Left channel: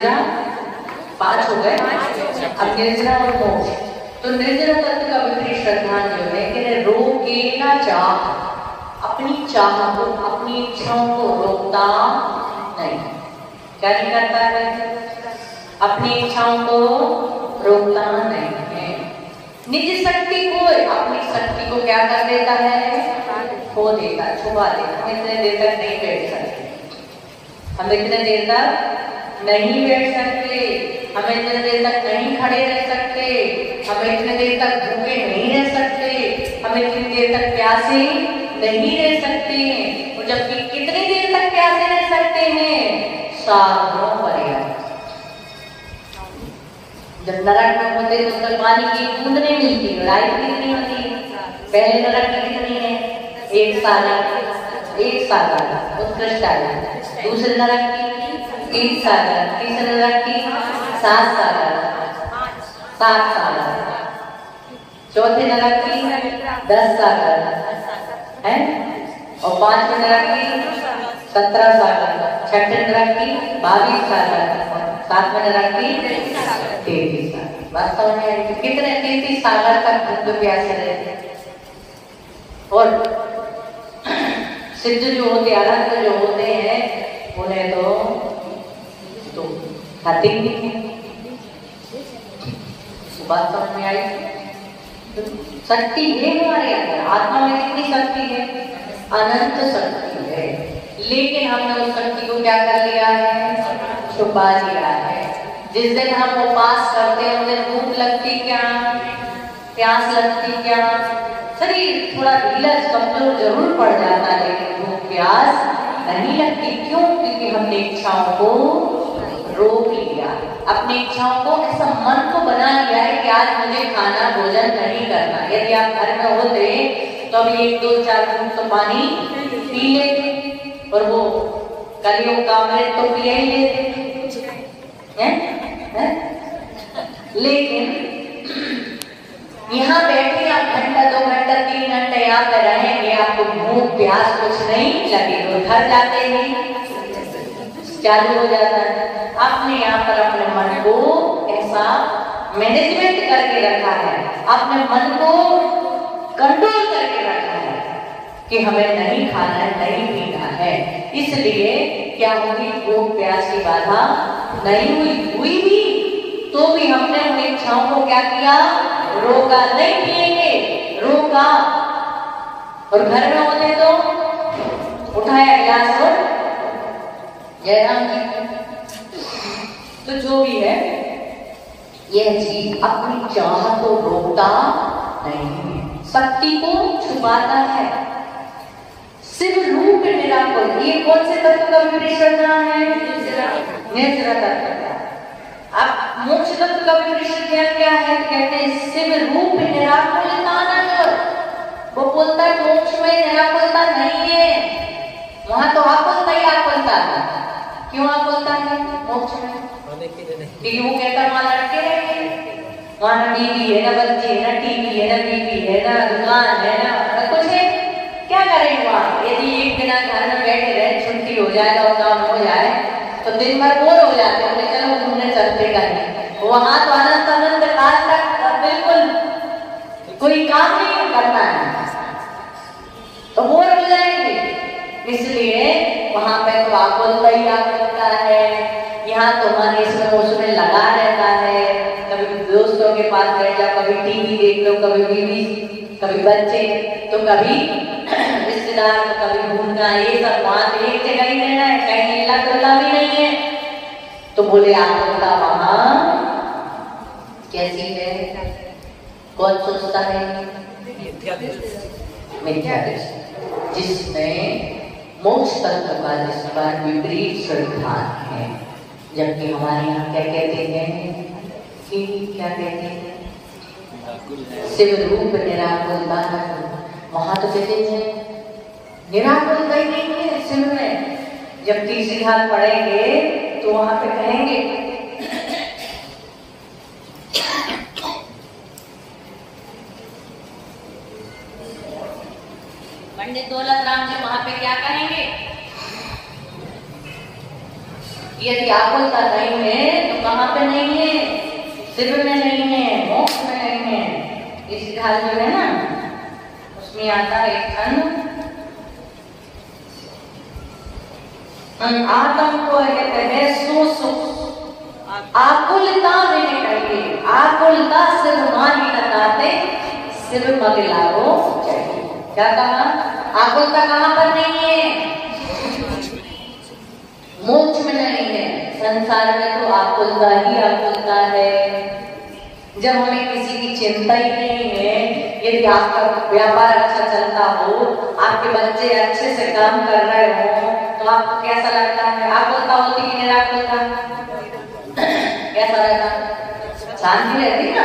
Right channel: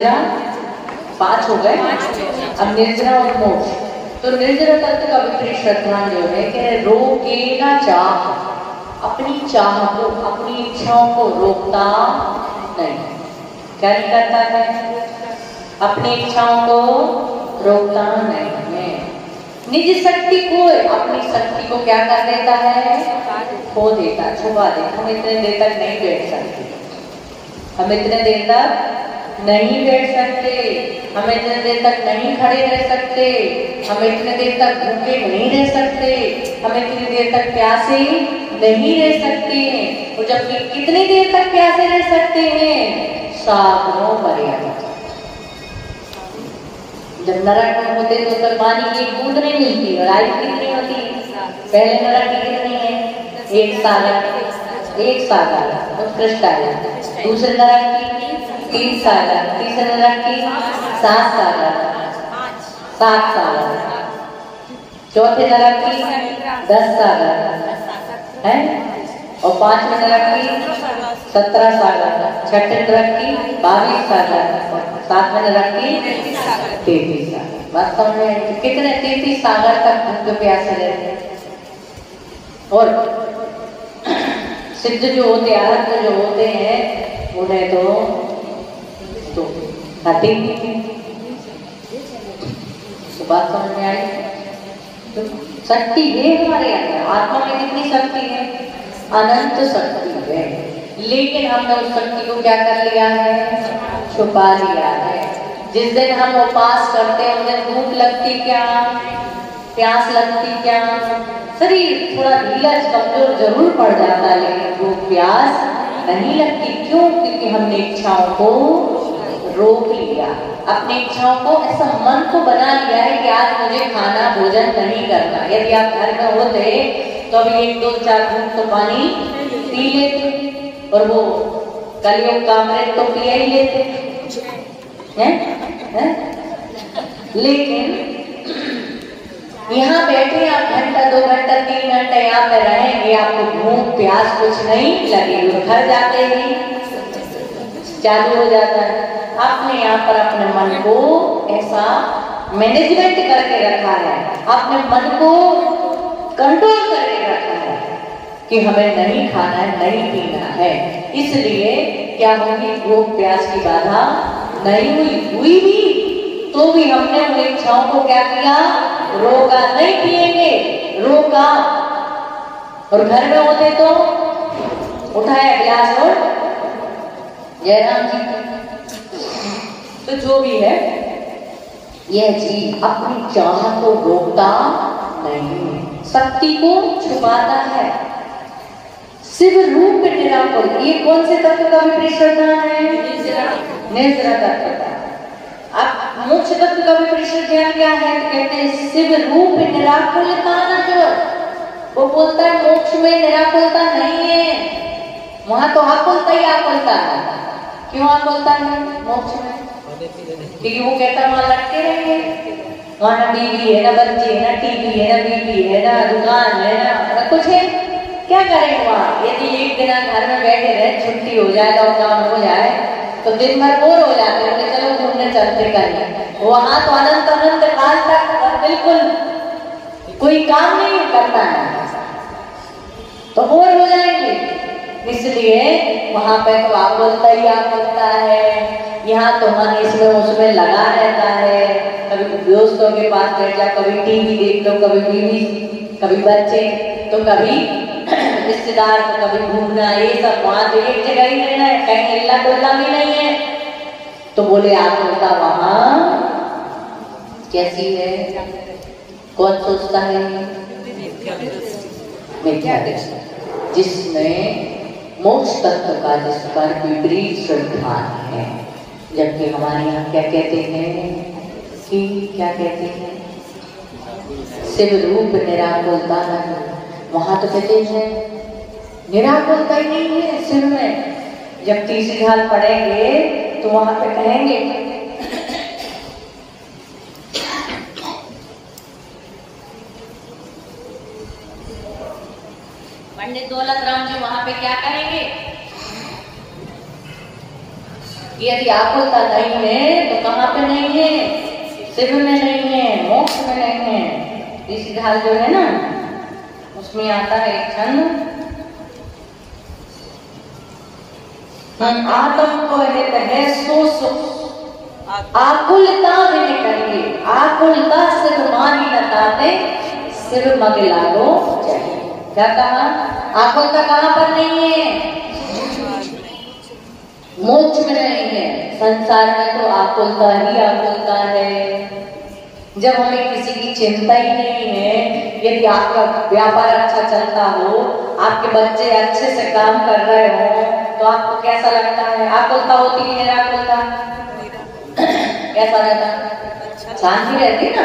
पांच हो गए। अब निर्जरा और मोक्ष। तो निर्जरा तत्व का विपरीत श्रद्धान जो है कि रोके ना चाह, अपनी चाह को, अपनी इच्छाओं को रोकता नहीं। क्या नहीं करता है? अपनी इच्छाओं को रोकता नहीं है। निज शक्ति को, अपनी शक्ति को क्या कर देता है? खो देता, छुपा देता। हम इतने देर तक नहीं बैठ सकते, हम इतने देर तक नहीं बैठ सकते, हम इतने देर तक नहीं खड़े रह सकते, हम इतने देर तक भूखे नहीं रह सकते, हम इतनी देर तक प्यासे नहीं रह सकते हैं। तो जबकि कितनी देर तक प्यासे रह सकते हैं? साधनों पर्याप्त। जब नरक में होते तो कल पानी की एक बूंद नहीं मिलती, लड़ाई कितनी होती। पहले नरक की कितनी है? एक सागर उत्कृष्ट आयु। दूसरे नरक की 3 सागर, तीसरे नरक की 7 सागर, 7 सागर, चौथे नरक की 10 सागर है, और 5वें नरक की 17 सागर, छठे नरक की 22 सागर, 7वें नरक की 33 सागर। बात समझ में आई? कितने 33 सागर का भूख प्यासे रहते। और सिद्ध जो होते, आनंद जो होते हैं, उन्हें तो खाते ही नहीं। बात समझ में आई? तो शक्ति है हमारे अंदर, आत्मा में कितनी शक्ति है? अनंत शक्ति है। लेकिन हमने उस शक्ति को क्या कर लिया है? छुपा लिया है। जिस दिन हम उपवास करते हैं, उस दिन भूख लगती क्या? प्यास लगती क्या? शरीर थोड़ा ढीला कमजोर जरूर पड़ जाता है, लेकिन भूख प्यास नहीं लगती। क्यों? क्योंकि हमने इच्छाओं को रोक लिया, अपनी इच्छाओं को ऐसा मन को बना लिया है कि आज मुझे खाना भोजन नहीं करना। यदि आप घर में होते तो अभी 1 2 4 घूंट तो पानी पी लेते, और वो कलियों का अमृत तो पिया ही लेते हैं? लेकिन यहाँ बैठे आप घंटा 2 घंटा 3 घंटे यहाँ पे रहेंगे, आपको भूख प्यास कुछ नहीं लगेगी, और घर जाते ही चालू हो जाता है। आपने यहाँ पर अपने मन को ऐसा मैनेजमेंट करके रखा है, अपने मन को कंट्रोल करके रखा है कि हमें नहीं खाना है, नहीं पीना है। इसलिए क्या होगी? भूख प्यास की बाधा नहीं हुई भी तो भी हमने उन इच्छाओं को क्या किया? रोका। नहीं पिएंगे, रोका। और घर में होते तो उठाया गिलास और जयराम जी। तो जो भी है, यह जीव अपनी चाह को रोकता नहीं, शक्ति को छुपाता है। शिव रूप निराकुल, ये कौन से तत्व का विपरीत श्रद्धा है? निर्जरा तत्व का। अब मोक्ष तत्व का विपरीत श्रद्धा क्या है? कहते हैं शिव रूप निराकुलता न। वो बोलता है मोक्ष में निराकुलता नहीं है, वहां तो आकुलता ही आकुलता है। क्यों आकुलता है मोक्ष में? क्योंकि वो कहता वहां लड़के रहेंगे, वहां ना बीवी है, ना बच्चे है, ना टीवी है, ना बीवी है, ना दुकान है, ना कुछ है। क्या करेंगे वहां? यदि एक दिन घर में बैठे रहे, छुट्टी हो जाए और काम हो जाए तो दिन भर बोर हो जाते हैं, चलो घूमने चलते कहीं। वहां तो अनंत अनंत काल तक बिल्कुल कोई काम नहीं करना है, तो बोर हो जाएंगे। इसलिए वहां पे तो आकुलता ही आकुलता है। यहाँ तुम्हारे इसमें उसमें लगा रहता है, कभी दोस्तों के पास बैठ जाओ, कभी टीवी देख लो, कभी बीवी, कभी बच्चे, तो कभी रिश्तेदार, कभी घूमना, ये सब। वहां तो एक जगह ही रहना है, कहीं हिलना डुलना भी नहीं है। तो बोले आकुलता वहां कैसी है? कौन सोचता है? मिथ्या दृष्टि, जिसमें मोक्ष तत्व का जिस पर विपरीत श्रद्धा है। जबकि हमारे यहाँ क्या कहते हैं कि क्या कहते हैं? शिव रूप निराकुलता। वहां तो कहते हैं निराकुलता ही नहीं है शिव में। जब तीसरी हाथ पढ़ेंगे तो वहां पे कहेंगे पंडित दौलत राम जी वहां पे क्या कहेंगे यदि आकुलता नहीं है तो कहाँ पे नहीं है? शिव में नहीं है, मोक्ष में नहीं है। इस ढाल जो है ना उसमें आता है एक छंद, आत्म को है सो सुख आकुलता में निकलिए, आकुलता सिर्फ माही लताते सिर्फ मगे लागो चाहिए। क्या कहा? आकुलता कहाँ पर नहीं है? मोक्ष में नहीं है। संसार में तो आकुलता ही आकुलता है। जब हमें किसी की चिंता ही नहीं है, यदि आपका व्यापार अच्छा चलता हो, आपके बच्चे अच्छे से काम कर रहे हो, तो आपको कैसा लगता है? आकुलता होती कि निराकुलता? कैसा रहता? शांति रहती ना।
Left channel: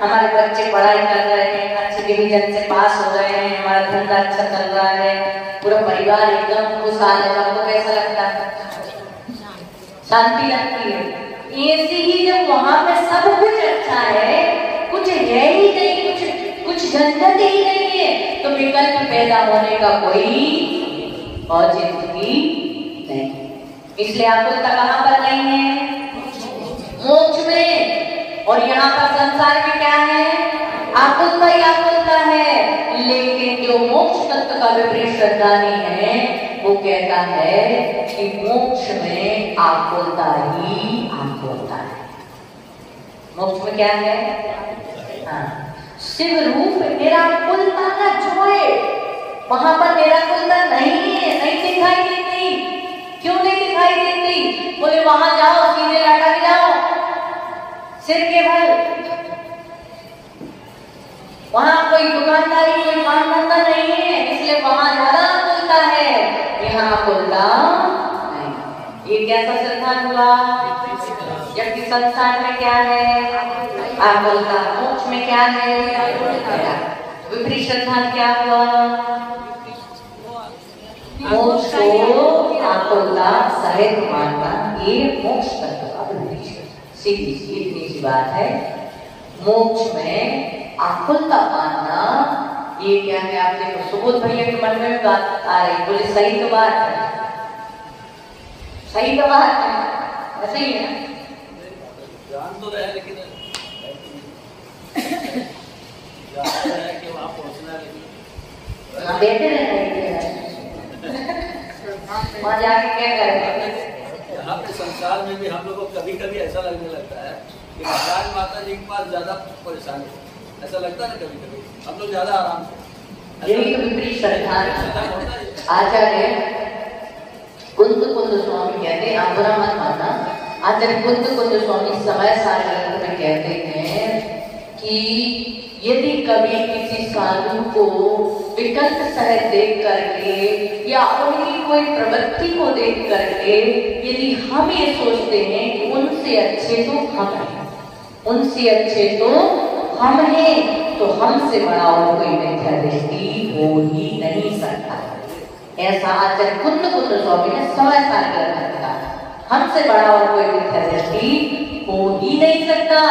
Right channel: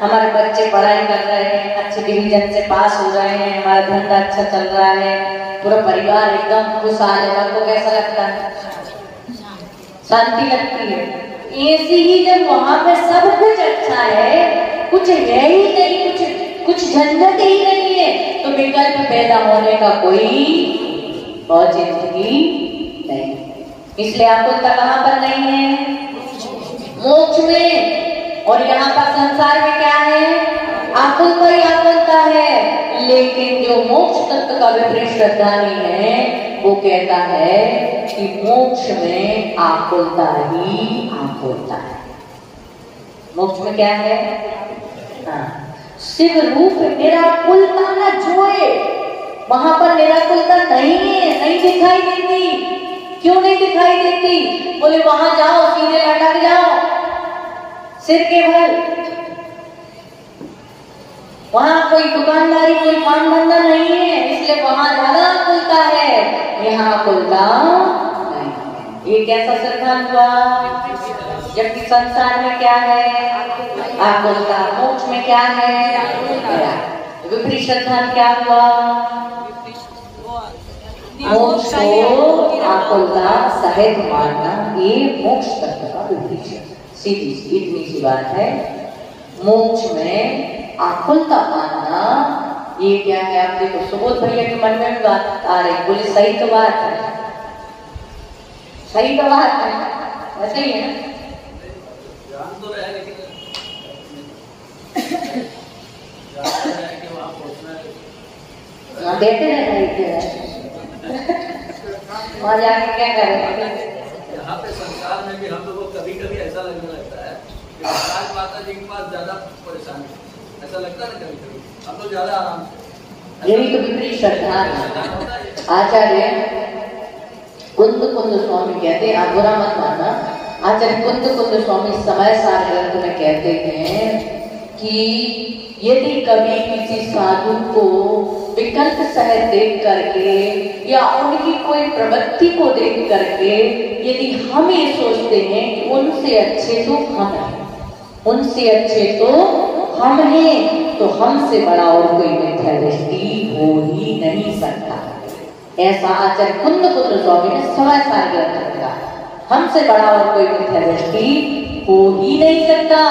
हमारे बच्चे पढ़ाई कर रहे हैं, अच्छे डिवीजन से पास हो रहे हैं, हमारा धंधा अच्छा चल रहा है, पूरा परिवार एकदम खुशहाल है, आपको कैसा लगता है? शांति लगती है। ऐसी ही जब वहां पे सब कुछ अच्छा है, कुछ है ही नहीं, कुछ झंझट ही नहीं है, तो विकल्प पैदा होने का कोई औचित्य नहीं। इसलिए आकुलता कहाँ पर नहीं है? मोक्ष में। और यहाँ पर संसार में क्या है? आकुलता ही आकुलता है। लेकिन जो मोक्ष तत्व का विपरीत श्रद्धानी है वो कहता है कि मोक्ष में आकुलता ही आकुलता है। मोक्ष में क्या है? हाँ, शिव रूप निराकुलता न जोए। वहां पर निराकुलता नहीं है, नहीं दिखाई देती। क्यों नहीं दिखाई देती? बोले वहां जाओ, सीधे लटक जाओ सिर के बल। वहां कोई दुकानदारी, कोई काम धंधा नहीं है, इसलिए वहां ज्यादा आकुलता है, यहाँ आकुलता नहीं। ये कैसा सिद्धांत हुआ? जबकि संसार में क्या है? आकुलता। मोक्ष में क्या है? विपरीत सिद्धांत क्या हुआ? मोक्ष को आकुलता सहित मानना, ये मोक्ष तत्व का विपरीत। सीधी इतनी सी बात है। मोक्ष में आकुलता मानना ये क्या है? आप देखो, सुबोध भैया के मन में बात आ रही, बोले सही तो बात है, सही तो बात है, ऐसे ही है। देते हैं वहां जाके क्या करेंगे? यहाँ पे संसार में भी हम लोगों को कभी कभी ऐसा लगने लगता है कि महाराज माता जी के पास ज्यादा परेशानी, ऐसा लगता है कभी कभी हम लोग ज्यादा आराम से। यही तो विपरीत श्रद्धा। आचार्य कुंद स्वामी कहते हैं, आप बुरा मत मानना, आचार्य कुंद स्वामी समय सार ग्रंथ में कहते हैं कि यदि कभी किसी साधु को विकल्प सहित देख करके या उनकी कोई प्रवृत्ति को देख करके यदि हम ये सोचते हैं कि उनसे अच्छे तो हम हैं, उनसे अच्छे तो हम हैं, तो हमसे बड़ा और कोई मिथ्या दृष्टि हो ही नहीं सकता। ऐसा आचार्य कुंद स्वामी ने समय सार ग्रंथ दिया। हमसे बड़ा और कोई मिथ्या दृष्टि हो ही नहीं सकता,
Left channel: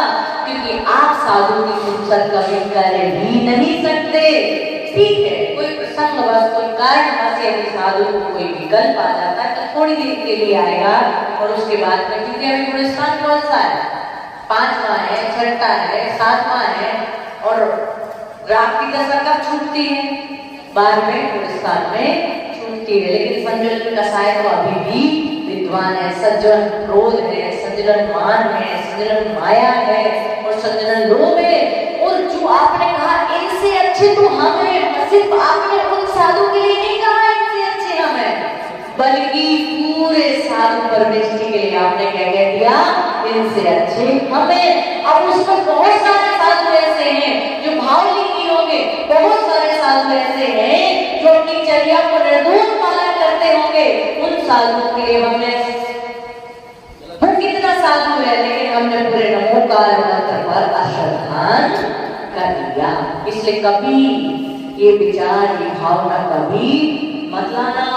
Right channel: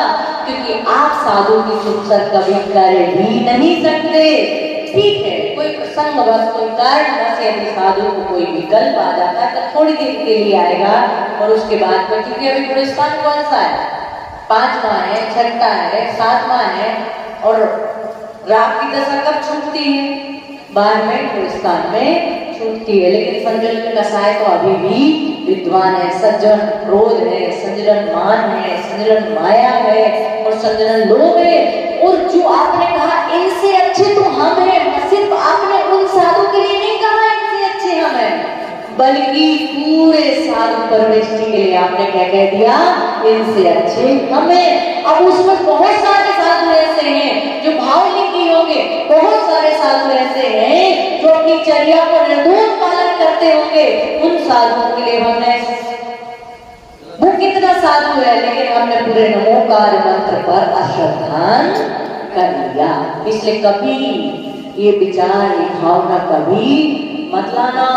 क्योंकि आप साधु की सुख कभी कर ही नहीं सकते। ठीक है, कोई प्रसंगवश, कोई कारण से यदि साधु को कोई विकल्प आ जाता है तो थोड़ी देर के लिए आएगा, और उसके बाद में, क्योंकि अभी पुरस्कार कौन सा है? 5वां है, 6वां है, 7वां है, और रात की दशा कब छूटती है? बाद में पुरस्कार में छूटती है। लेकिन संजन कसाय तो अभी भी विद्वान है, सज्जन क्रोध है, संजन मान है, संजन माया है और संजन लोभ है। और जो आपने कहा इनसे अच्छे तो हम हैं, सिर्फ आपने उन साधु के लिए नहीं कहा इनसे अच्छे हम हैं, बल्कि पूरे साधु परवृष्टि के लिए आपने क्या कह दिया? इनसे अच्छे हम हैं। अब उसमें बहुत सारे साधु ऐसे हैं जो भावलिंगी होंगे, बहुत सारे साधु ऐसे हैं जो अपनी चर्या को निर्दोष पालन करते होंगे। उन साधुओं के लिए हमने, वो कितना साधु है लेकिन हमने पूरे नमोकार मंत्र पर अश्रद्धान कर दिया। इसलिए कभी ये विचार, ये भावना कभी मत लाना।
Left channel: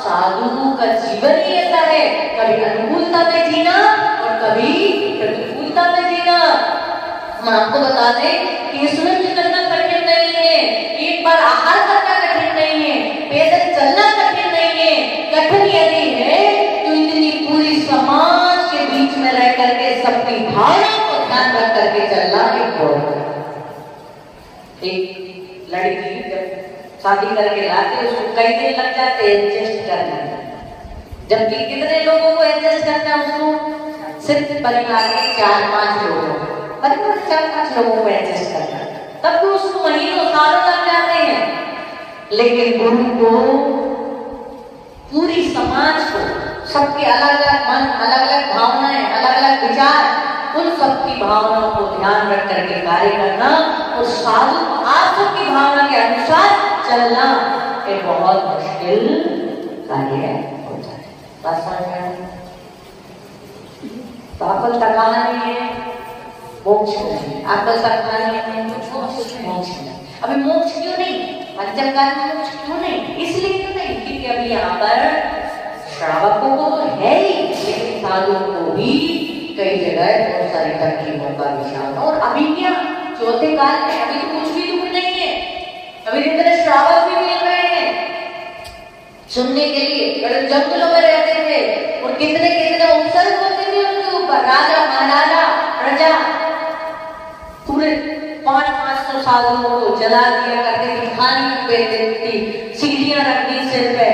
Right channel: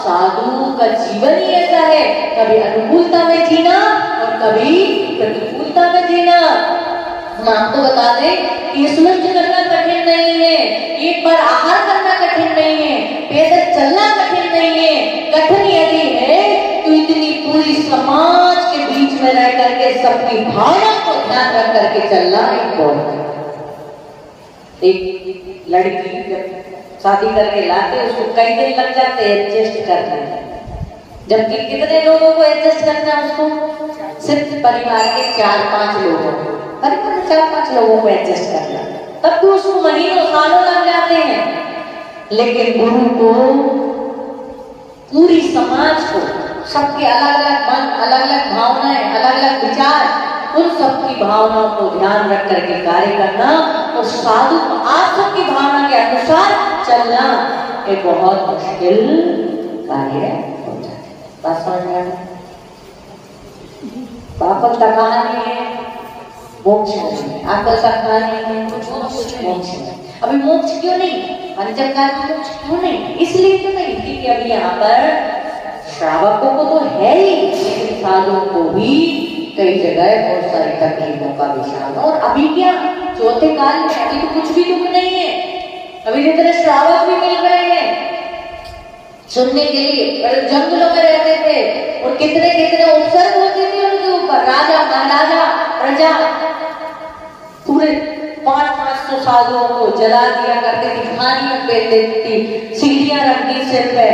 साधु का जीवन ही ऐसा है, कभी अनुकूलता में जीना और कभी प्रतिकूलता में जीना। हम आपको बता दें कि स्मृति करना कठिन नहीं है, एक बार आहार करना कठिन नहीं है, पैदल चलना कठिन नहीं है। कठिन यदि है तो इतनी पूरी समाज अपनी भावना को ध्यान रख करके चलना एक बहुत। एक लड़की जब शादी करके लाते उसको कई दिन लग जाते हैं एडजस्ट करने, जबकि कितने लोगों को एडजस्ट करना उसको सिर्फ परिवार के 4-5 लोगों, परिवार 4-5 लोगों को एडजस्ट करना, तब भी उसको महीनों सालों लग जाते हैं। लेकिन गुरु को पूरी समाज को, सबके अलग अलग मन, अलग अलग भावनाएं, अलग अलग विचार, उन सबकी भावनाओं को ध्यान रख करके कार्य करना और साधु आत्मा की भावना के अनुसार चलना एक बहुत मुश्किल कार्य हो जाता है। पापल का कहानी है मोक्ष नहीं, आपल का कहानी है मोक्ष नहीं। अभी मोक्ष क्यों नहीं, पंचमकाल में मोक्ष क्यों नहीं? इसलिए तो नहीं क्योंकि अभी यहाँ पर श्रावकों को तो है ही, लेकिन साधुओं को भी कई जगह बहुत सारे तकलीफों का विषय। और अभी क्या चौथे काल में अभी तो कुछ भी दुख नहीं है, अभी इतने श्रावक भी मिल रहे हैं सुनने के लिए। जंगलों में रहते थे और कितने कितने उपसर्ग होते थे उनके ऊपर, राजा महाराजा प्रजा, पूरे 500-500 साधुओं को जला दिया करते थे, खानी पे देती, सीढ़ियां रख दी सिर पे,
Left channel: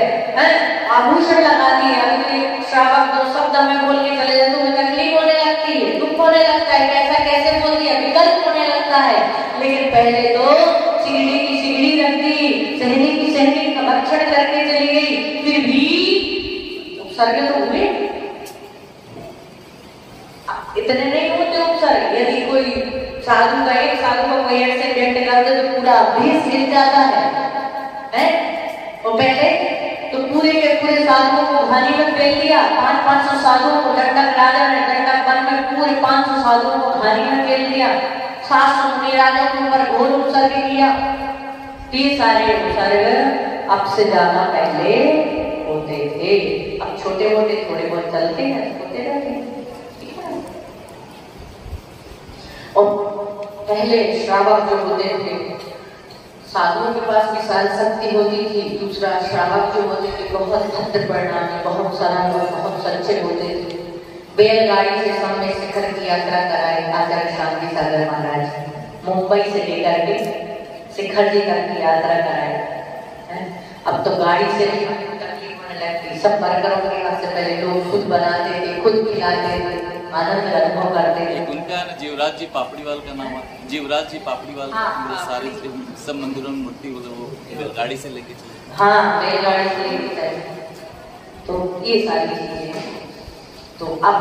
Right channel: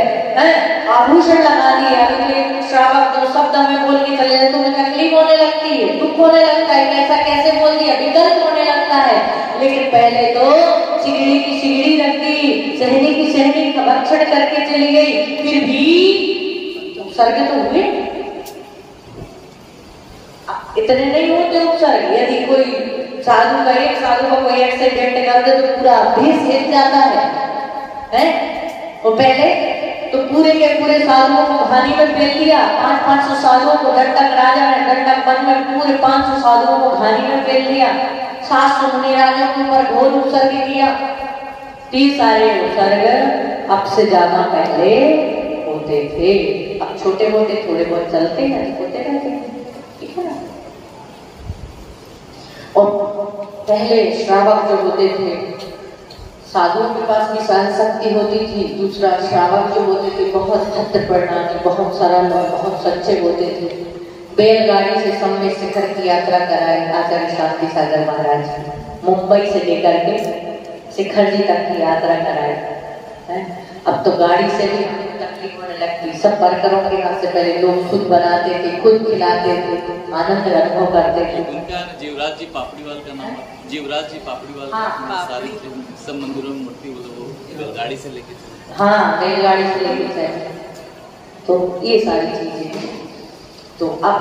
आभूषण लगा दिए। अभी श्रावक तो शब्द हमें बोल के चले तुम्हें तकलीफ होने लगती है, दुख होने लगता है, कैसा कैसे बोल दिया, विकल्प होने लगता है। लेकिन पहले तो सीढ़ी की सीढ़ी रख दी, सहनी की सहनी का भक्षण करके चली गई, फिर भी उपसर्ग तो हुए। इतने नहीं होते उपसर्ग, यदि कोई साधु का एक साधु को कोई एक्सीडेंट कर दे तो पूरा देश हिल जाता है? तो पहले तो पूरे के पूरे साधुओं को घानी में फेंक दिया, 500-500 साधुओं को दंडक राजा ने दंडक वन में पूरे 500 साधुओं को घानी में फेंक दिया, 700 मुनि राजा के ऊपर घोर उत्सर्ग किया। ये सारे उत्सर्ग अब से ज्यादा पहले होते थे, अब छोटे मोटे थोड़े बहुत चलते हैं, होते रहते हैं, ठीक है। और पहले श्रावक जो होते थे साधुओं के पास भी सहन शक्ति होती थी, दूसरा श्रावक जो होते थे बहुत भद्र परिणामी, बहुत सरल और बहुत सच्चे होते थे। बैलगाड़ी से समय शिखर की यात्रा कराए आचार्य शांति सागर महाराज, मुंबई से लेकर के शिखर जी तक की यात्रा कराए। अब तो गाड़ी से भी हमें तकलीफ होने लगती, सब वर्करों के हाथ से पहले लोग खुद बनाते थे, खुद खिलाते थे, आनंद अनुभव करते थे। उनका जीवराज जी पापड़ीवाल का नाम है, जीवराज जी पापड़ीवाल सारी सब मंदिरों में मूर्ति वो गाड़ी से लेके चले। हाँ, बैलगाड़ी से लेके चले। तो ये सारी चीजें, तो अब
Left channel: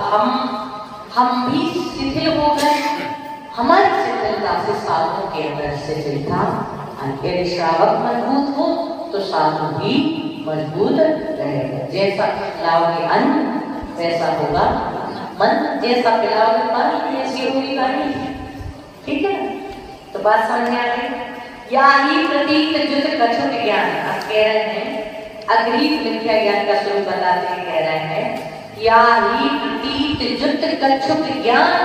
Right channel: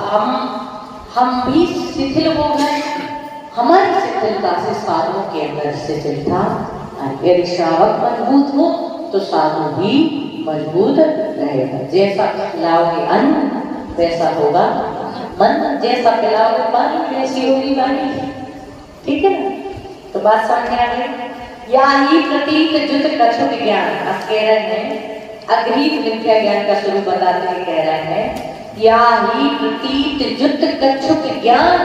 हम भी शिथिल हो गए, हमारी शिथिलता से साधुओं के अंदर शिथिलता। यदि श्रावक मजबूत हो तो साधु भी मजबूत रहेगा। जैसा खिलाओगे अन्न वैसा होगा मन, जैसा पिलाओगे पानी वैसी होगी वाणी, ठीक है ना? तो बात समझ में आ गई। या ही प्रतीक जुत कछुत ज्ञान, आप कह रहे हैं अग्रीत मिथ्या ज्ञान का स्वरूप बताते हुए कह रहे हैं या ही प्रतीक जुत कछुत ज्ञान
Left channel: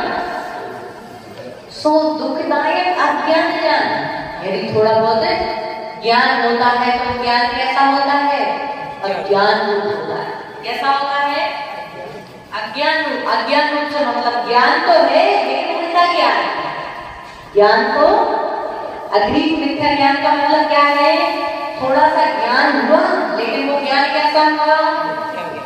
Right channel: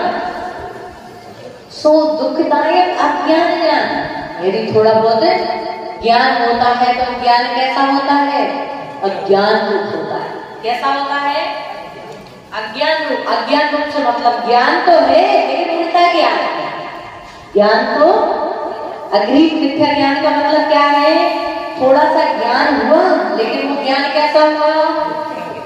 सो दुखदायक अज्ञान ज्ञान। यदि थोड़ा बहुत ज्ञान होता है तो ज्ञान कैसा होता है? अज्ञान रूप होता है। कैसा होता है? अज्ञान रूप। अज्ञान रूप से मतलब ज्ञान तो है लेकिन उल्टा ज्ञान है। ज्ञान तो अग्रीत मिथ्या ज्ञान का मतलब क्या है? थोड़ा सा ज्ञान हुआ लेकिन वो ज्ञान कैसा हुआ?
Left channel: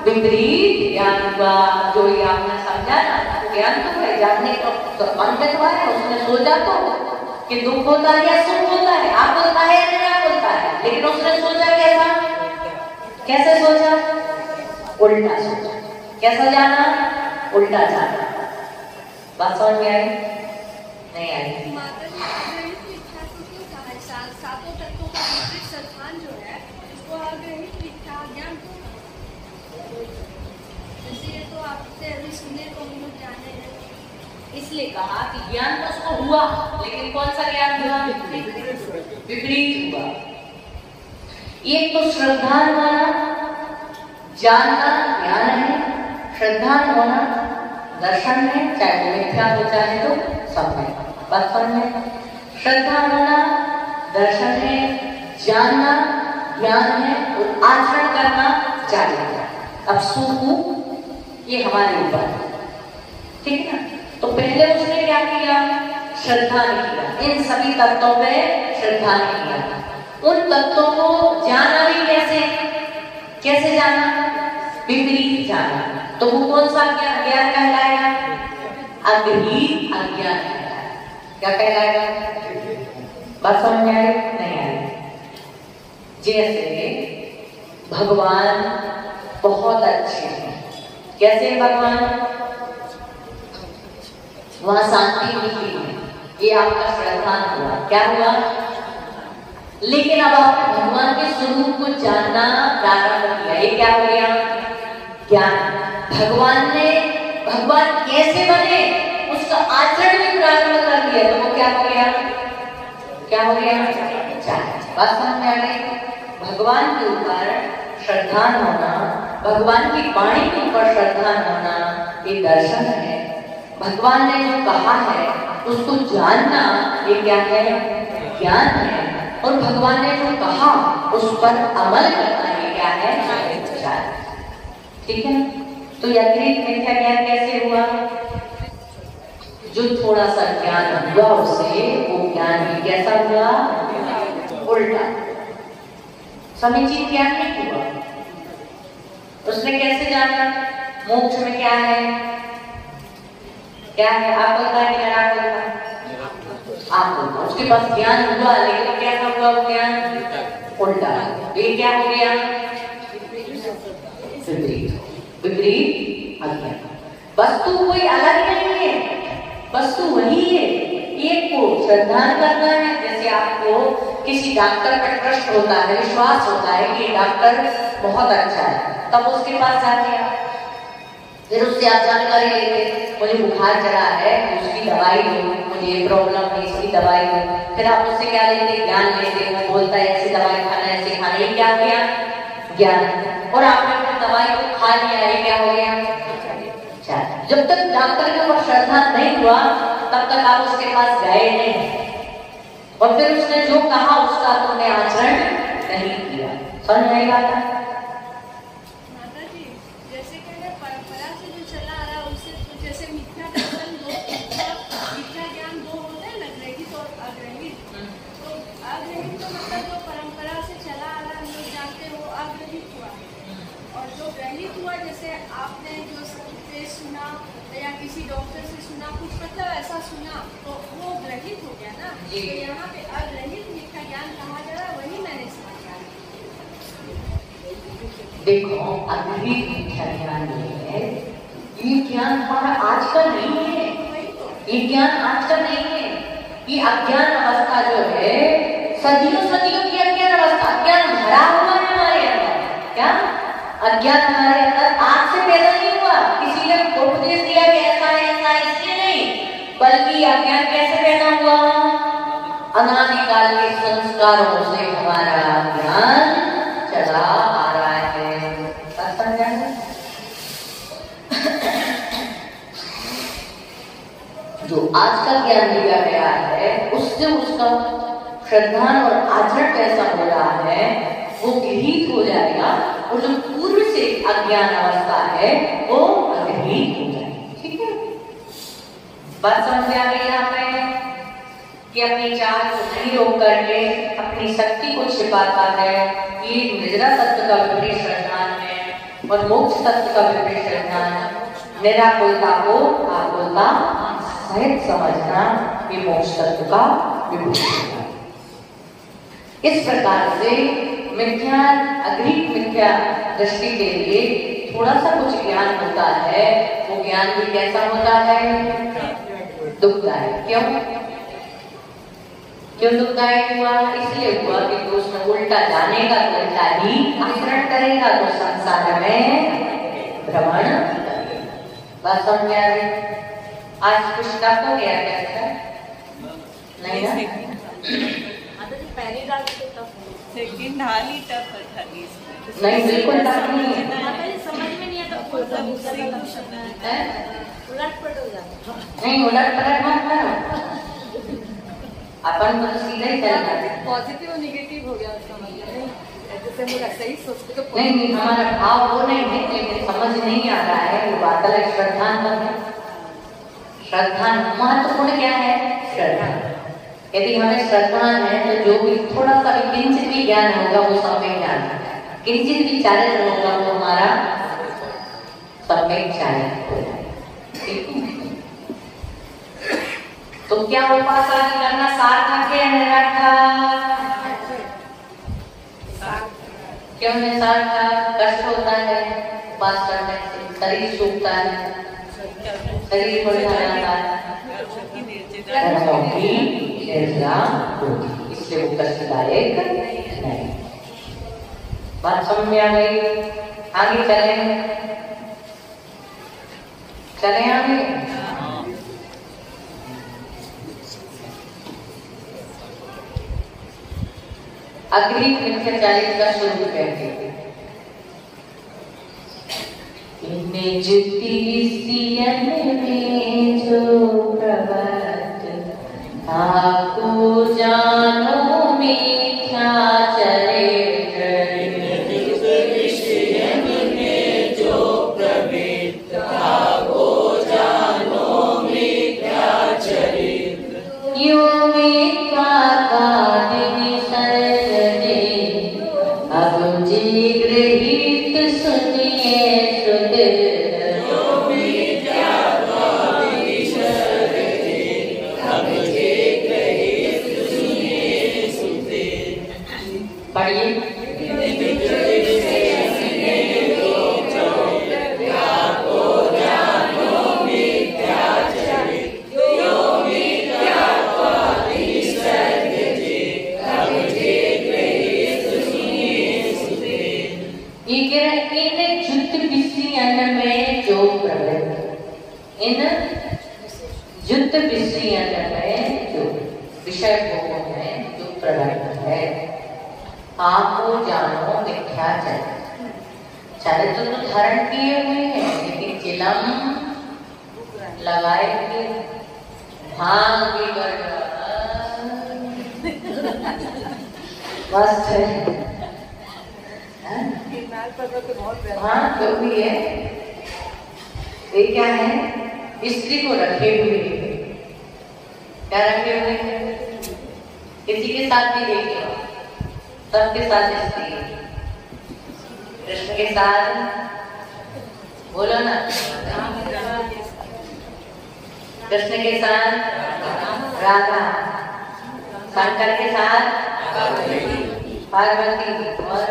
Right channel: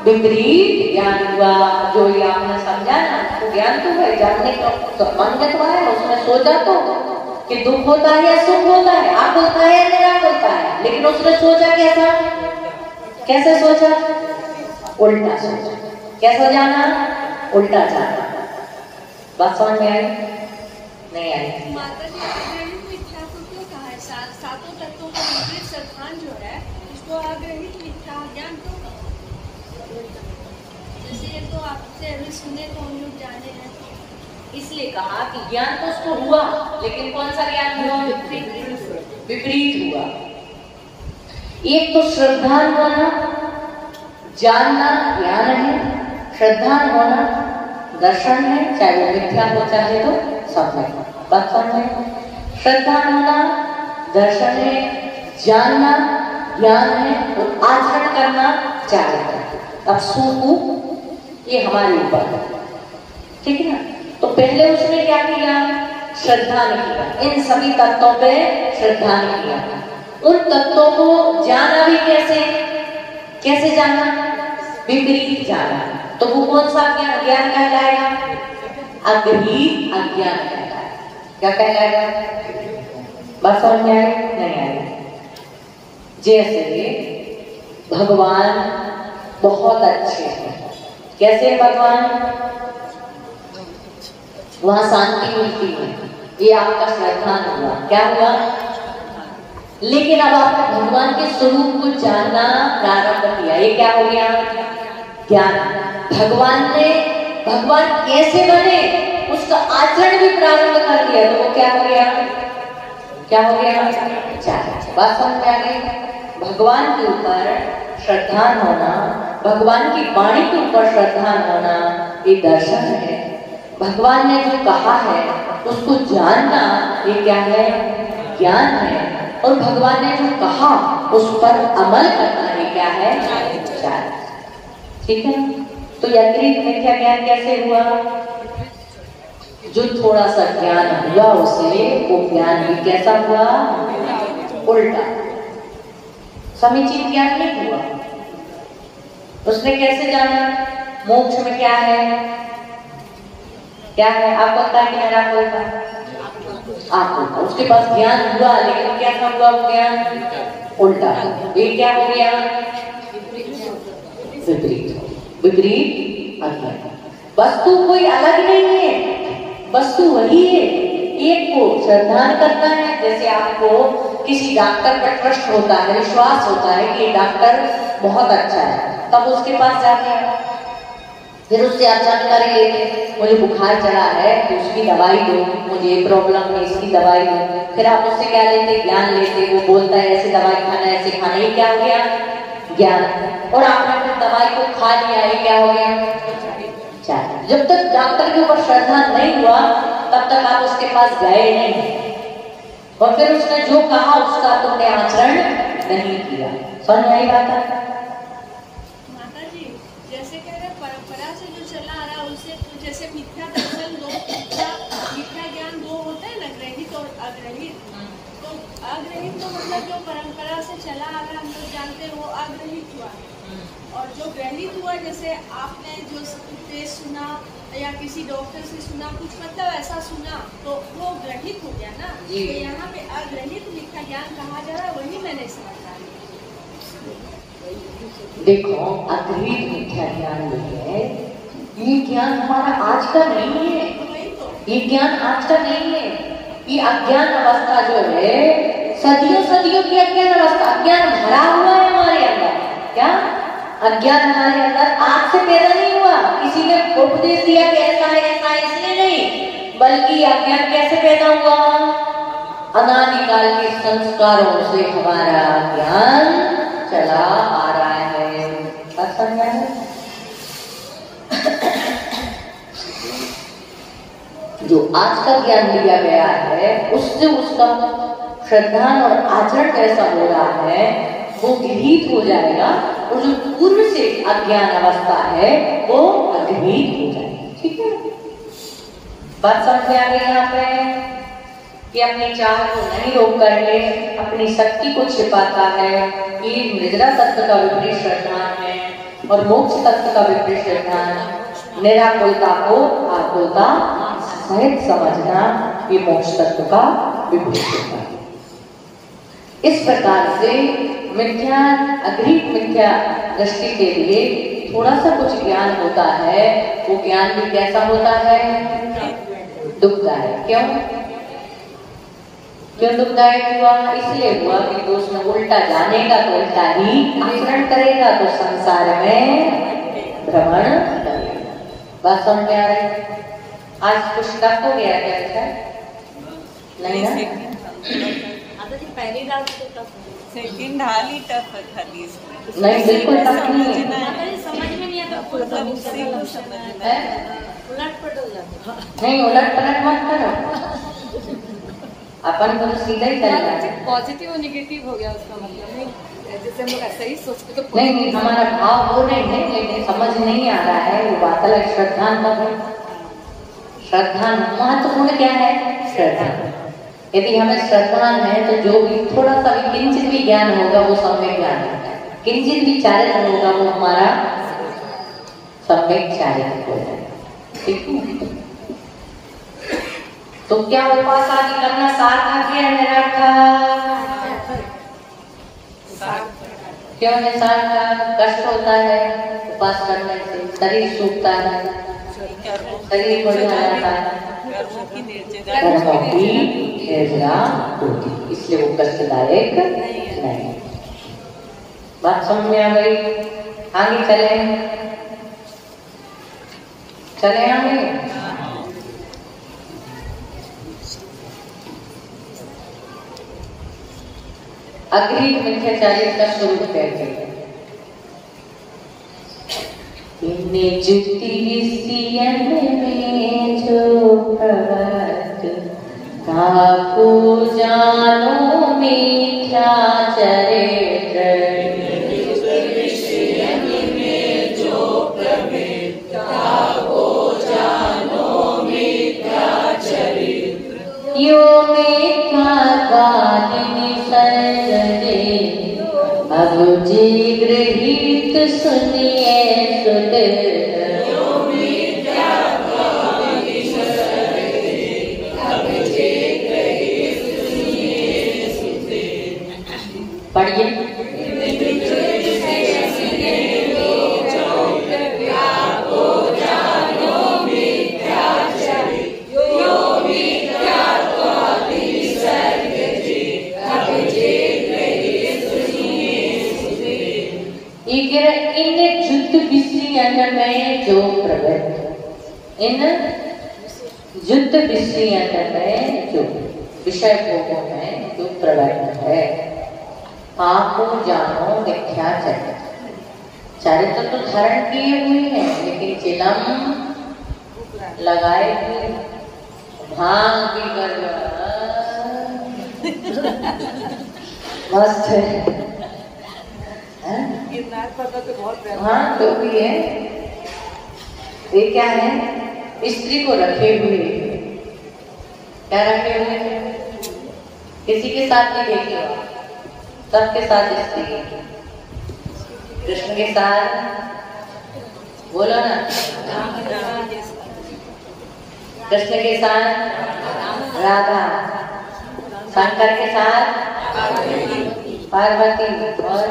विपरीत ज्ञान हुआ। जो ये आपने समझा ना, तो ज्ञान तो है, जानने का मन करवा है, उसमें सोचा तो कि दुख होता है या सुख होता है, आप बोलता है या नहीं आप बोलता है, लेकिन उसने सोचा कैसा? कैसे सोचा? उल्टा सोचा। कैसा जाना? उल्टा जाना। बात समझ में आई? नहीं आई? इसलिए कहा कि ज्ञान तो उसको हुआ लेकिन कौन सा ज्ञान हुआ? विपरीत हुआ। एक तो श्रद्धा होना, जानना ज्ञान है, श्रद्धा होना दर्शन है, चाहे वो मिथ्या हो चाहे तो सब है। बात समझ में? श्रद्धा होना दर्शन है, जानना ज्ञान है और आचरण करना जागरण है। अब सुख ये हमारे ऊपर है, ठीक है ना? तो पहले उसने क्या किया? श्रद्धा ने किया, इन सभी तत्वों पे श्रद्धा ने किया। उन तत्वों को जाना भी कैसे जाना? विपरीत जाना। तो वो कौन सा ज्ञान कहलाएगा? अग्रहीत अज्ञान कहलाएगा। क्या कहलाएगा? बात समझ में आई? नहीं आई? जैसे भगवान बहुत अच्छे हैं। कैसे भगवान? वहां शांति मिलती है, ये आपका श्रद्धा हुआ। क्या हुआ? लेकिन अब आपने भगवान के स्वरूप को जानना प्रारंभ किया, ये क्या हो गया? ज्ञान। भगवान कैसे बने उसका आचरण भी प्रारंभ कर दिया, तो वो क्या हो गया? क्या हो गया? बात समझ में आ गई? भगवान के ऊपर श्रद्धा होना, भगवान की वाणी के ऊपर श्रद्धा होना, ये दर्शन है। भगवान ने जो कहा है उसको जानना, ये क्या है? ज्ञान है। और भगवान ने जो कहा उस पर अमल करना, ये क्या है? विचार। ठीक है? तो अतिरिक्त मिथ्या ज्ञान कैसे हुआ? जो थोड़ा सा ज्ञान हुआ उसे, वो ज्ञान भी कैसा हुआ? उल्टा। समीचीन ज्ञान नहीं हुआ। उसने कैसे जाना? मोक्ष में क्या है? क्या है? आपको पता है कि आप आपको उसके पास ज्ञान हुआ, लेकिन कैसा हुआ? वो ज्ञान उल्टा। ये क्या हो गया? विपरीत अज्ञान। वस्तु कोई अलग नहीं है, वस्तु वही है। एक को श्रद्धा करना है, जैसे आपको किसी डॉक्टर पर ट्रस्ट होता है, विश्वास होता है कि डॉक्टर बहुत अच्छा है, तब उसके पास जाते हैं, फिर उससे आप जानकारी लेते, मुझे बुखार चढ़ा है तो उसकी दवाई दो, मुझे प्रॉब्लम है इसकी दवाई दो। फिर आप उससे क्या लेते? ज्ञान लेते। वो बोलता है ऐसे दवाई खाना, ऐसे खाना। ये क्या हो गया? ज्ञान। और आपने फिर दवाई को खा लिया, ये क्या हो गया? जब तक डॉक्टर के ऊपर श्रद्धा नहीं हुआ तब तक आप उसके पास गए नहीं, और फिर उसने जो कहा उसका तुमने आचरण नहीं किया। समझ में आई बात? जैसे आपने जो सुना या किसी डॉक्टर से सुना, कुछ मतलब ऐसा सुना, तो वो ग्रहित हो गया ना। तो यहाँ पे अग्रहित मिथ्या ज्ञान कहा जा रहा है, वही मैंने समझा। देखो, अग्रहित मिथ्या ज्ञान है, ये ज्ञान हमारा आज का नहीं है, ये ज्ञान आज का नहीं है। ये अज्ञान अवस्था जो है, सदियों की अज्ञान अवस्था, अज्ञान भरा हुआ है हमारे अंदर। क्या? अज्ञान हमारे अंदर आज से पैदा नहीं हुआ, किसी ने उपदेश दिया कि ऐसा है इसलिए नहीं, बल्कि अज्ञान कैसे पैदा हुआ? अनादिकाल के संस्कारों से हमारा ज्ञान चला आ रहा है। समझा है? जो आज का ज्ञान दिया गया है उससे उसका श्रद्धा और आचरण कैसा हो रहा है वो गृहीत हो जाएगा, और जो पूर्व से अज्ञान अवस्था है वो अग्रहीत हो जाएगी। ठीक है? बात समझ में आ गई यहाँ पे कि अपनी चाह को नहीं रोक करके अपनी शक्ति को छिपाता है। ये निद्रा तत्व का विपरीत श्रद्धान है और मोक्ष तत्व का विपरीत श्रद्धान। निराकुलता को आकुलता सहित समझना, ये मोक्ष तत्व का विपरीत श्रद्धान। इस प्रकार से मिथ्या अग्रहित मिथ्या दृष्टि के लिए थोड़ा सा कुछ ज्ञान होता है, वो ज्ञान भी कैसा होता है? दुखदायक। क्यों दुखदायक हुआ? इसलिए हुआ कि वो उसमें उल्टा जानेगा तो उल्टा ही आचरण करेगा, तो संसार में भ्रमण करेगा। बात समझ में आ रही? आज कुछ टफ हो गया क्या? नहीं ना? पहली रात तो टफ सेकंड हाल ही टफ था। नहीं, बिल्कुल टफ नहीं है। समझ में नहीं आता, उलट-पलट हो जाता। नहीं, उलट-पलट मत कर, अपन को सीधा ही चलना है। पॉजिटिव और नेगेटिव हो गया उसका मतलब नहीं, जैसे मैं ऐसे ही सोचते तो नहीं, हमारा भाव वो नहीं है, लेकिन समझ नहीं आ रहा है वो बात है। श्रद्धा श्रद्धा महत्वपूर्ण क्या है? श्रद्धा। यदि हमें श्रद्धा है तो जो भी थोड़ा सा भी किंचित भी ज्ञान होगा वो सम्यक ज्ञान है, किंचित भी चारित्र होगा वो हमारा सम्यक चारित्र हो जाए। ठीक है? तो क्या उपास आदि करना सार्थक है निरार्थक? क्यों है सार्थक? कष्ट होता है उपास करने से, शरीर सूखता है, शरीर बढ़ जाता है, इसलिए वो कष्टदायक नहीं। बात समझ में आ गई? आगे चले आगे। अग्नि मिथ्याचारित का स्वरूप कहते हैं। निज तिसियन में जो प्रवृत्त ताको जानो मिथ्याचरित्र। यो मिथ्यावादिनी सर्वदे अबुझि गृहीत सुनिए सुध। पढ़िए। इन युद्ध विषय में जो विषय भोगों में जो प्रवृत्त है, आपको जानो मिथ्याचारित्र। चारित्र तो धारण किए हुए हैं लेकिन चिलम लगाए हुए भांग की मस्त है। हाँ तो भी है। ये क्या है? स्त्री को रखे हुए, क्या रखे हुए? किसी के साथ नहीं देखे, सबके साथ स्त्री। कृष्ण के साथ बोलो ना, कृष्ण के साथ राधा, शंकर के साथ पार्वती और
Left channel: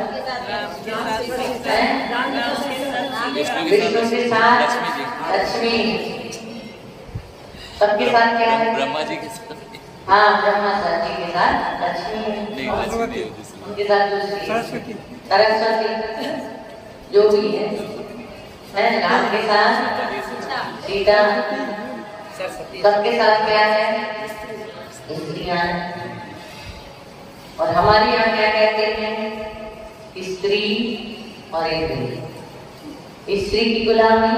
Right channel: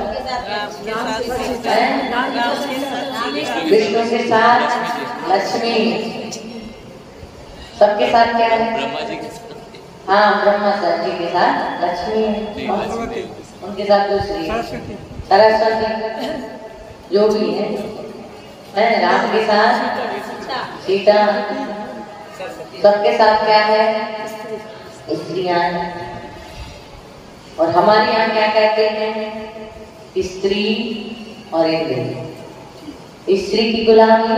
विष्णु के साथ लक्ष्मी। सबके साथ क्या है? ब्रह्मा जी के साथ। हाँ, ब्रह्मा जी के साथ लक्ष्मी, उनके साथ दूसरी सरस्वती जो भी है। राम के साथ सीता। सबके साथ क्या है? स्त्रियां। और हमारे यहाँ क्या कहते हैं? स्त्री और इंद्रिय। स्त्री की गुलामी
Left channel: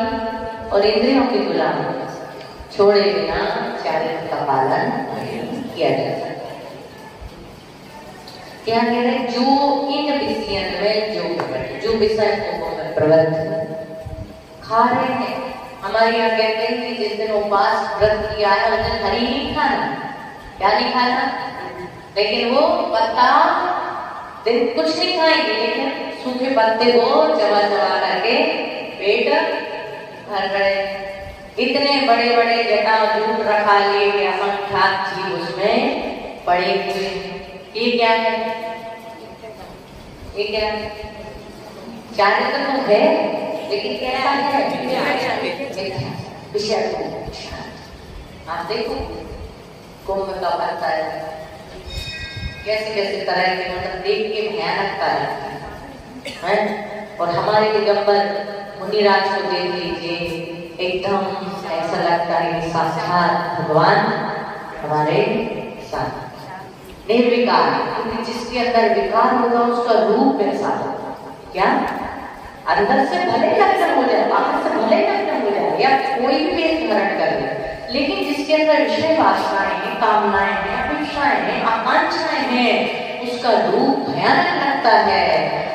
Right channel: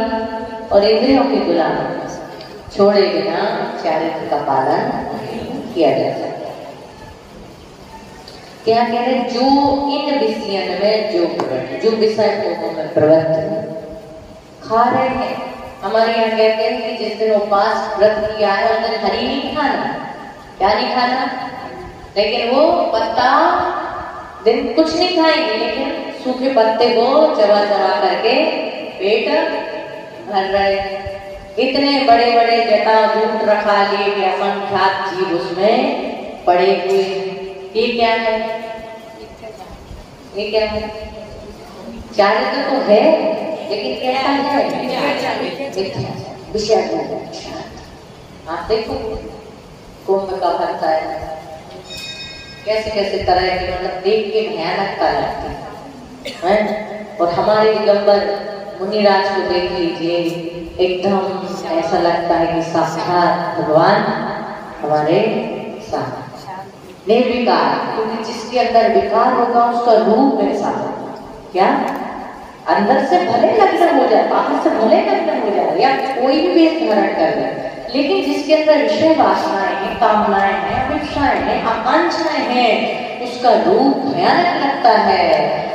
और इंद्रियों की गुलामी छोड़े बिना चारित्र का पालन किया जा सकता है। क्या कह रहे? जो इन विषयों में जो विषय में प्रवृत्त खा रहे हैं। हमारे यहाँ कहते हैं कि जिस दिन उपवास व्रत किया है उस दिन हरी नहीं खाना। क्या नहीं खाना? लेकिन वो पत्ता दिन कुछ नहीं खाएंगे, लेकिन सूखे पत्ते को चबा चबा करके पेट भर रहे। इतने बड़े बड़े जटाजूट रखा ले असंख्यात जीव उसमें पड़े हुए। ये क्या है? ये क्या है? चारित्र तो है लेकिन क्या है? विषय। आप देखो कुंभ का करता है, कैसे कैसे तरह के, मतलब देख के भयानकता लगती है। और हमारे दिगंबर मुनिराज को देख लीजिए, एकदम ऐसा लगता है कि साक्षात भगवान हमारे साथ निर्विकार। क्योंकि जिसके अंदर विकार होगा उसका रूप वैसा होगा। क्या? अंदर से भले लक्षण हो जाए, बाहर से भले लक्षण हो जाए या कोई भी वेश धारण कर ले, लेकिन जिसके अंदर विषय वासनाएं हैं, कामनाएं हैं, अपेक्षाएं हैं, आकांक्षाएं हैं, उसका रूप भयानक लगता है।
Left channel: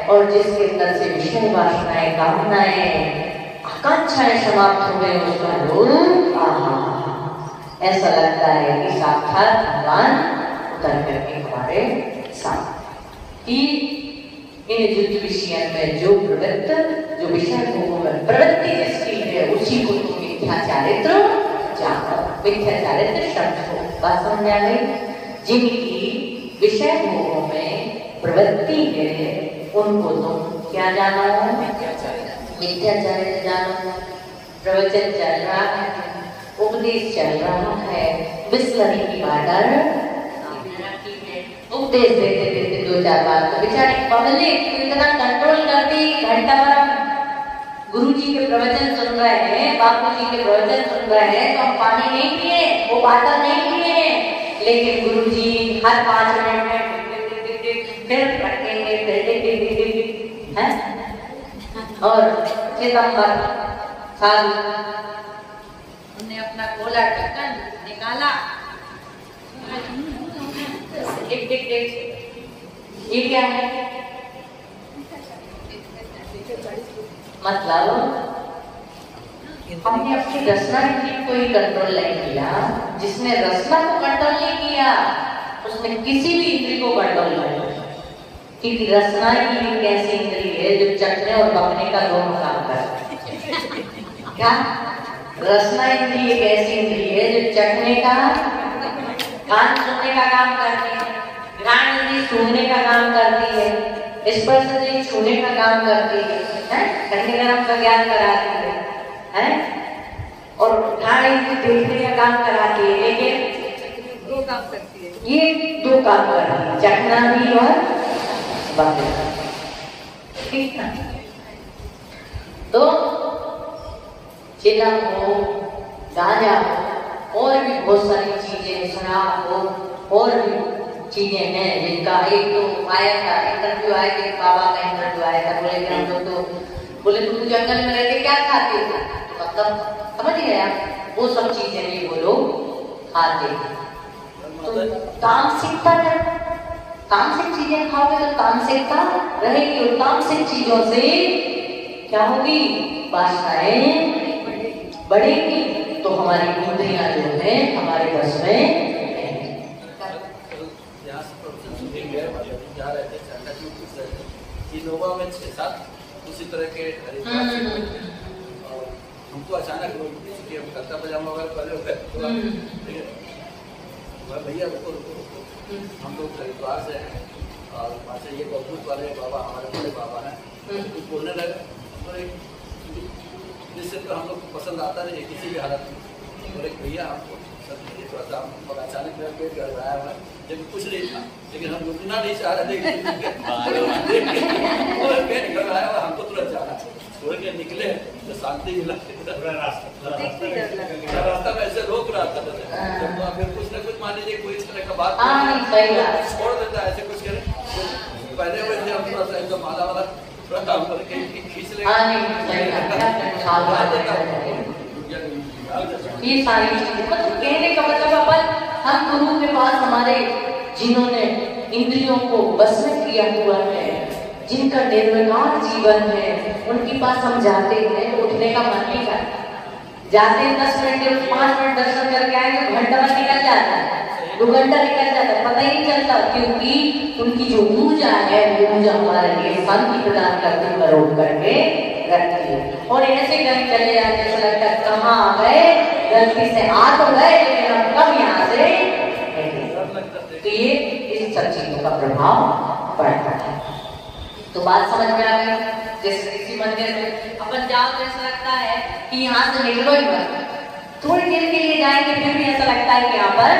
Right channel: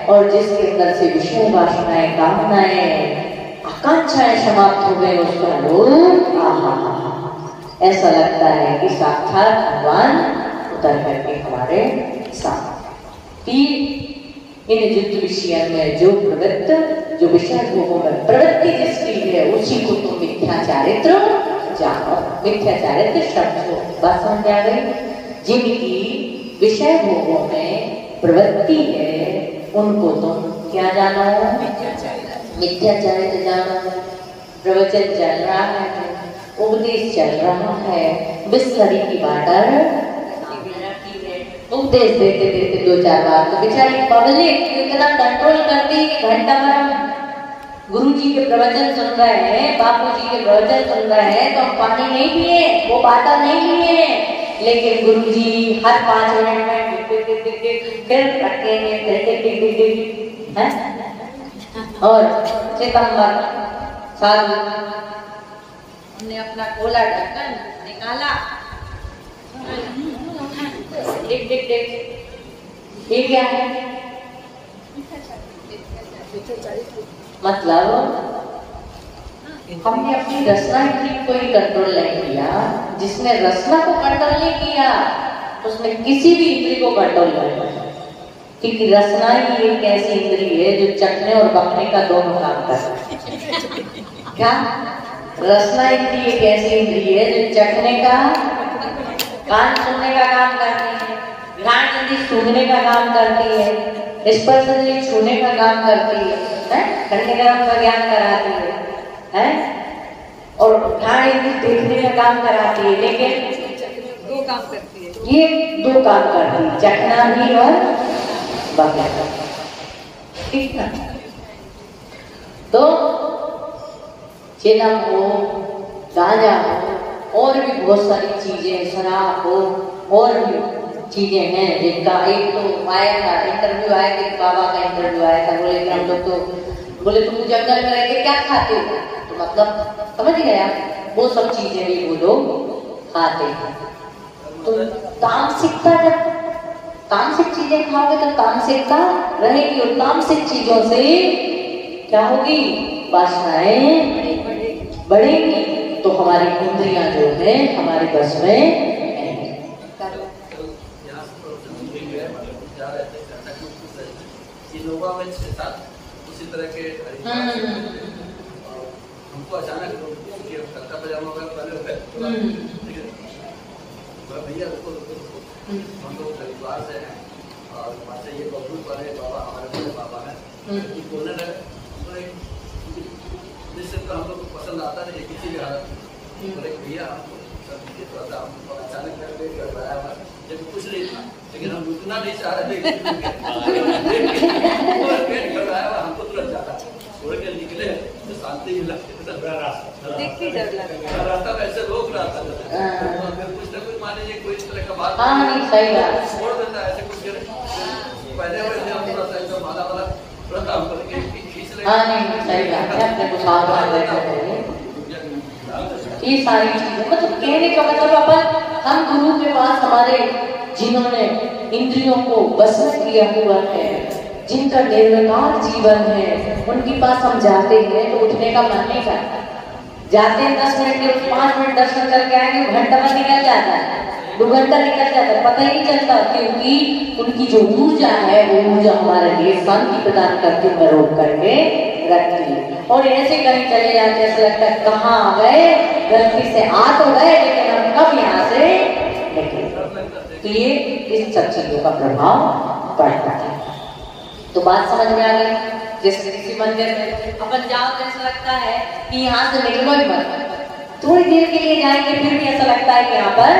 और जिसके अंदर से विषय वासनाएं, कामनाएं, आकांक्षाएं समाप्त हो गए, उसका रूप ऐसा लगता है कि साक्षात भगवान उतर करके हमारे साथ। इन युद्ध विषय में जो प्रवृत्त जो विषय होकर प्रवृत्ति जिसकी है उसी को तो मिथ्या चारित्र जाकर मिथ्या चारित्र शब्द हो। बात समझ आ गई? जिनकी विषय भोगों में प्रवृत्ति है उनको तुम क्या जानो? मिथ्या चारित्र जानो। प्रवचन चल रहा है, उपदेश चल रहा है, बिस्लरी की बाटर उपदेश देते देते दो चार बार तो बेचारी पब्लिक इतना कंट्रोल करती। घंटा भर गुरु जी के प्रवचन सुन रहे हैं, बापू जी के प्रवचन सुन रहे हैं तो हम पानी नहीं पिए, वो बाटा नहीं पिए, लेकिन गुरु जी हर 5 मिनट में फिर रखेंगे हैं। और सितंबर साल उन्होंने अपना गोला ढक्कन निकाला, देख ये क्या है? मतलब हमने अपनी रचना को ही कंट्रोल नहीं किया। जिसने रचना को कंट्रोल नहीं किया उसने किसी भी इंद्री को कंट्रोल नहीं किया, क्योंकि रचना ही एक ऐसी इंद्री है जो चखने और पकने का दोनों काम करती है। क्या रचना इंद्री एक ऐसी इंद्री है जो चखने का, कान सुनने का काम करती है, घ्राण इंद्री सूंघने का काम करती है, स्पर्श इंद्री छूने का काम करती है, ठंडे गरम का ज्ञान कराती है, और घ्राण इंद्री देखने का काम कराती है। लेकिन 2 काम करती है, ये 2 काम करती है, चखना भी और बात। ठीक है, तो चिलम हो, गांजा हो, और भी बहुत सारी चीजें, शराब हो, और भी चीजें हैं जिनका एक तो आया था इंटरव्यू आया कि बाबा का इंटरव्यू आया था, बोले कि हम लोग तो बोले तुम जंगल में रहते क्या खाते हो? तो मतलब समझ गया, वो सब चीजें भी वो लोग खाते हैं। तो तामसिकता, जब तामसिक चीजें खाओगे तो तामसिकता रहेगी, और तामसिक चीजों से क्या होगी? वासनाएं बढ़ेगी, तो हमारी इंद्रियां जो है हमारे बस में इसी तरह के हमको अचानक करता पजामा पहले हो गया, भैया हम लोग हरिद्वार से हैं और वहाँ से ये बबूत वाले बाबा हमारे बड़े बाबा हैं, बोलने लगे जिससे तो हम लोग पसंद आता है किसी भी हालत में। बोले भैया और अचानक मेरा पेट गड़बड़ाया हुआ, जब कुछ नहीं था, लेकिन हम उतना नहीं चाह रहे थे पेट गड़बड़ाया हुआ, हमको तुरंत जाना छोड़ के निकले तो शांति मिला। रास्ता में ऐसे लोग रास्ता फिर कुछ न कुछ मान लीजिए कोई इस तरह का बात छोड़ देता है, ऐसे कुछ पहले माला वाला थोड़ा काम करके खींच ले। ये सारी चीजें मतलब कहने का मतलब अपन हम गुरु के पास हमारे जिन्होंने इंद्रियों को बस में किया हुआ है, जिनका निर्विकार जीवन है, उनके पास हम जाते हैं तो उठने का मन नहीं करता। जाते हैं 10 मिनट के 5 मिनट दर्शन करके आएंगे, घंटा में निकल जाता है, 2 घंटा निकल जाता है, पता ही नहीं चलता, क्योंकि उनकी जो ऊर्जा है वो ऊर्जा हमारे लिए शांति प्रदान करके बरोब करके रखती है। और ऐसे कहीं चले जाते ऐसे लगता है कहाँ गए, गलती से आ तो गए लेकिन हम कब यहाँ से तो ये इस सब चीजों का प्रभाव पड़ता है। तो बात समझ में आ गई? जैसे किसी मंदिर में अपन जाओ तो ऐसा लगता है कि यहाँ से निकलो ही मत, थोड़ी देर के लिए जाएंगे फिर भी ऐसा लगता है कि यहाँ पर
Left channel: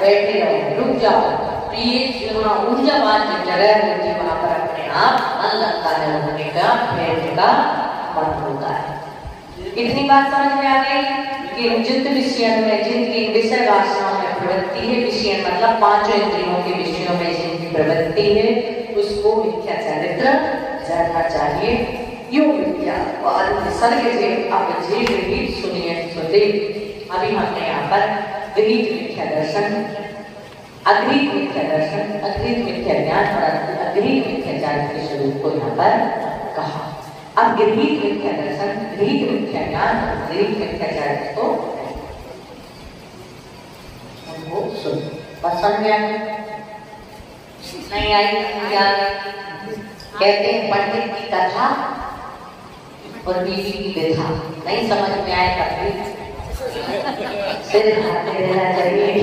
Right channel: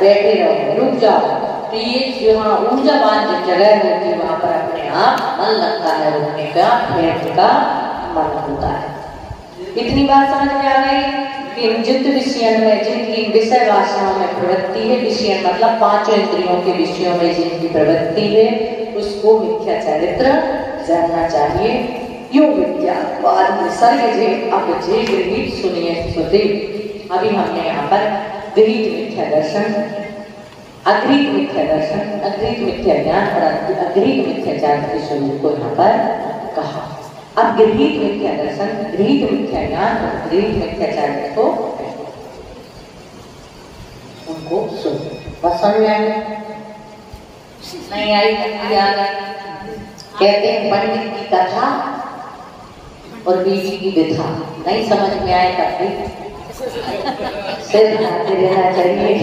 बैठे रहो, रुक जाओ। तो ये यहाँ ऊर्जावान जो जगह होती है वहाँ पर अपने आप मन लगता है, रुकने का बैठने का मन होता है। इतनी बात समझ में आ गई कि जिन विषयों में जिनकी विषय वासनाओं में प्रवृत्ति है, विषय मतलब 5 इंद्रियों के विषयों में जिनकी प्रवृत्ति है उसको मिथ्या चरित्र जानना चाहिए। यो विद्या बाद में सर्ग जे अब जे गृहीत सुनिए सुते। अभी हमने यहाँ पर गृहीत मिथ्या दर्शन, अगृहीत मिथ्या दर्शन, अगृहीत मिथ्या ज्ञान और अगृहीत मिथ्या ज्ञान के स्वरूप को यहाँ पर कहा। अब गृहीत मिथ्या दर्शन, गृहीत मिथ्या ज्ञान और गृहीत मिथ्या ज्ञान को उनको सुन। समझ में आई? नहीं आई? कहते हैं पंडित की कथा और बीवी की विधा। नहीं समझ में आए तब सिर हिलाते रहना चाहिए।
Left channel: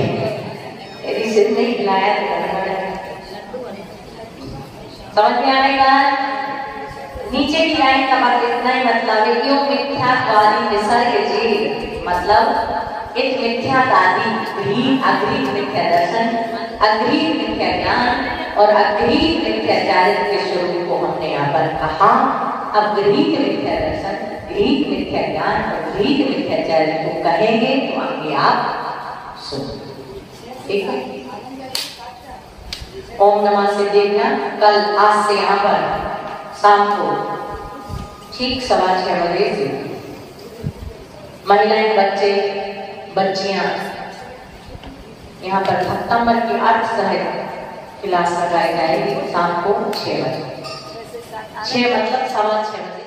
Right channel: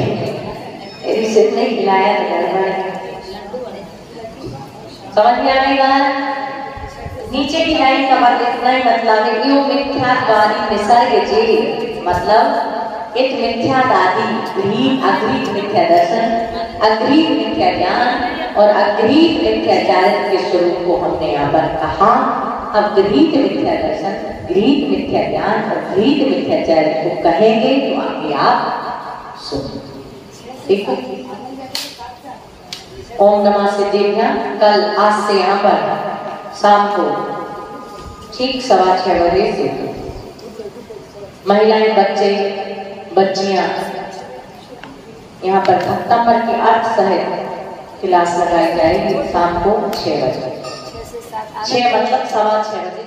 यदि सिर नहीं हिलाया तो समझ में आने बात। नीचे की लाइन का बात इतना ही मतलब है कि वो मिथ्यात्वादी निसर्ग जी, मतलब एक मिथ्यावादी अग्रीत मिथ्या दर्शन, अग्रीत मिथ्या ज्ञान और अग्रीत मिथ्याचारित्र के स्वरूप को हमने यहाँ पर कहा। अग्रीत मिथ्या दर्शन, ग्रीक मिथ्या ज्ञान और ग्रीक मिथ्याचारित्र को कहेंगे तो आगे आप सुनो। ठीक है? ओम नमः सिद्धिभ्याम। कल आज से यहाँ पर शाम को ठीक 6:15 बजे से महिलाएं, बच्चे, बच्चियां यहाँ पर भक्तामर की अर्थ सहित क्लास लगाई जाएगी शाम को 6 बजे। 6 मतलब 6:15 बजे।